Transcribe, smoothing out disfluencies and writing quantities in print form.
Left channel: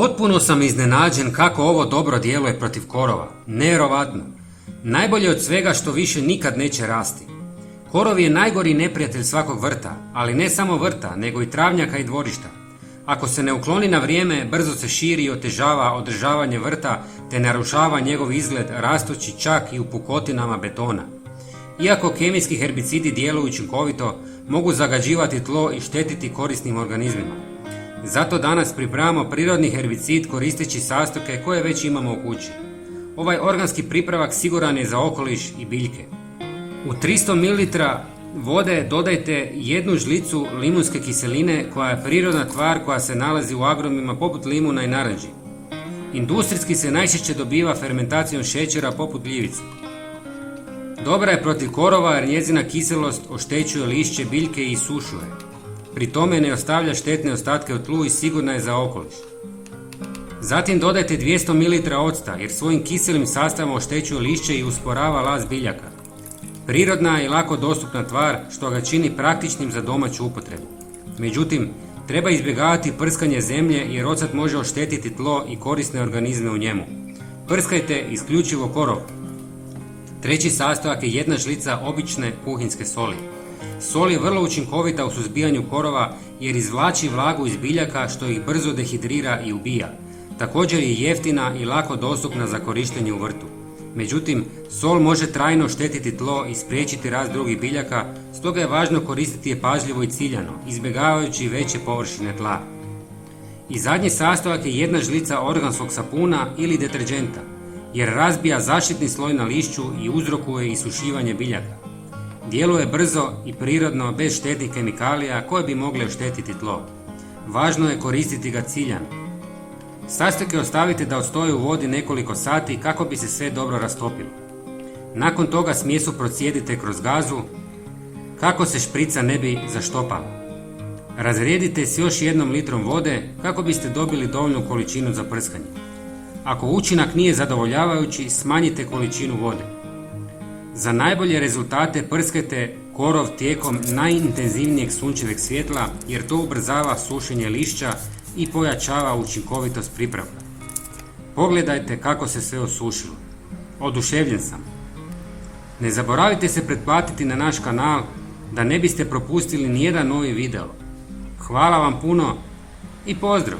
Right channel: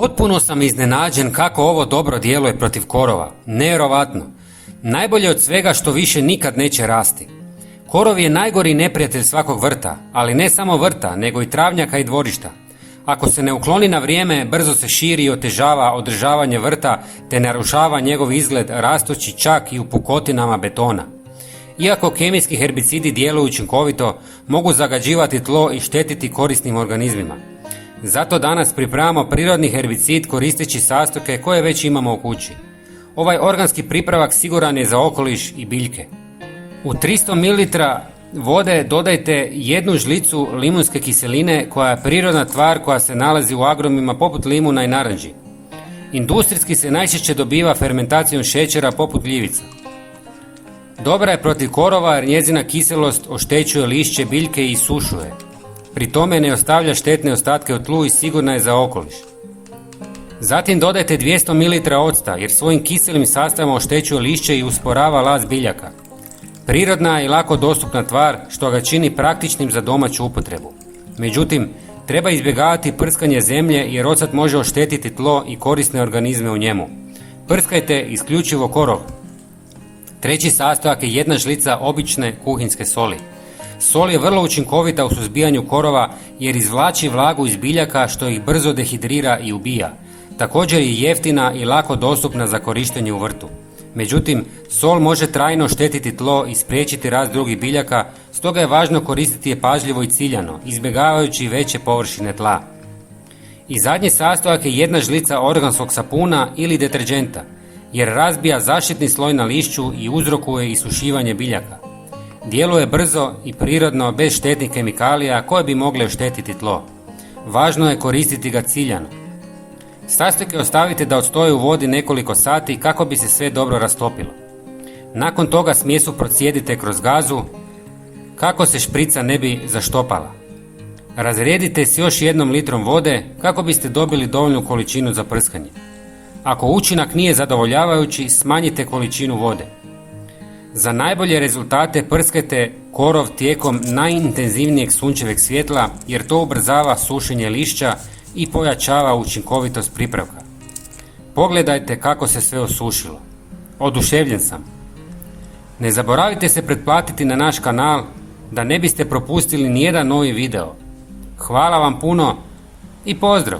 Potpuno sam iznenađen kako ovo dobro djeluje protiv korova. Nevjerovatno. Najbolje od svega što više nikad neće rasti. Korov je najgori neprijatelj svakog vrta, ali ne samo vrta, nego i travnjaka i dvorišta. Ako se ne ukloni na vrijeme, brzo se širi i otežava održavanje vrta te narušava njegov izgled rastući čak i u pukotinama betona. Iako kemijski herbicidi djeluju učinkovito, mogu zagađivati tlo i štetiti korisnim organizmima. Zato danas pripremamo prirodni herbicid koristeći sastojke koje već imamo u kući. Ovaj organski pripravak siguran je za okoliš i biljke. U 300 ml vode dodajte 1 žlicu limunske kiseline koja je prirodna tvar koja se nalazi u agrumima poput limuna i naranči. Industrijski se najčešće dobiva fermentacijom šećera poput gljivice. Dobra je protiv korova jer njezina kiselost oštećuje lišće biljke i isušuje. Pri tome ne ostavlja štetne ostatke u tlu i sigurna je za okoliš. Zatim dodajte 200 ml octa jer svojim kiselim sastavom oštećuje lišće i usporava rast biljaka. Prirodna i lako dostupna tvar što ga čini praktičnim za domaću upotrebu. Međutim, treba izbjegavati prskanje zemlje jer ocet može oštetiti tlo i korisne organizme u njemu. Prskajte isključivo korov. Treći sastojak je 1 žlica obične kuhinjske soli. Sol je vrlo učinkovita u suzbijanju korova jer izvlači vlagu iz biljaka što ih brzo dehidrira i ubija. Također je jeftina i lako dostupna za korištenje u vrtu. Međutim, sol može trajno štetiti tlo i spriječiti rast drugih biljaka, stoga je važno koristiti je pažljivo i ciljano, izbjegavajući veće površine tla. I zadnji sastojak je 1 žlica organskog sapuna ili deterdženta, jer razbija zaštitni sloj na lišću i uzrokuje isušivanje biljaka. Djeluje brzo i prirodno bez štetnih kemikalija koje bi mogle oštetiti tlo. Važno je koristiti ga ciljano. Sastojke ostavite da odstoje u vodi nekoliko sati kako bi se sve dobro rastopilo. Nakon toga smjesu procijedite kroz gazu kako se šprica ne bi zaštopala. Razrijedite s još 1 litrom vode kako biste dobili dovoljnu količinu za prskanje. Ako učinak nije zadovoljavajući, smanjite količinu vode. Za najbolje rezultate prskajte korov tijekom najintenzivnijeg sunčeveg svjetla jer to ubrzava sušenje lišća i pojačava učinkovitost pripravka. Pogledajte kako se sve osušilo. Oduševljen sam. Ne zaboravite se pretplatiti na naš kanal da ne biste propustili nijedan novi video. Hvala vam puno i pozdrav!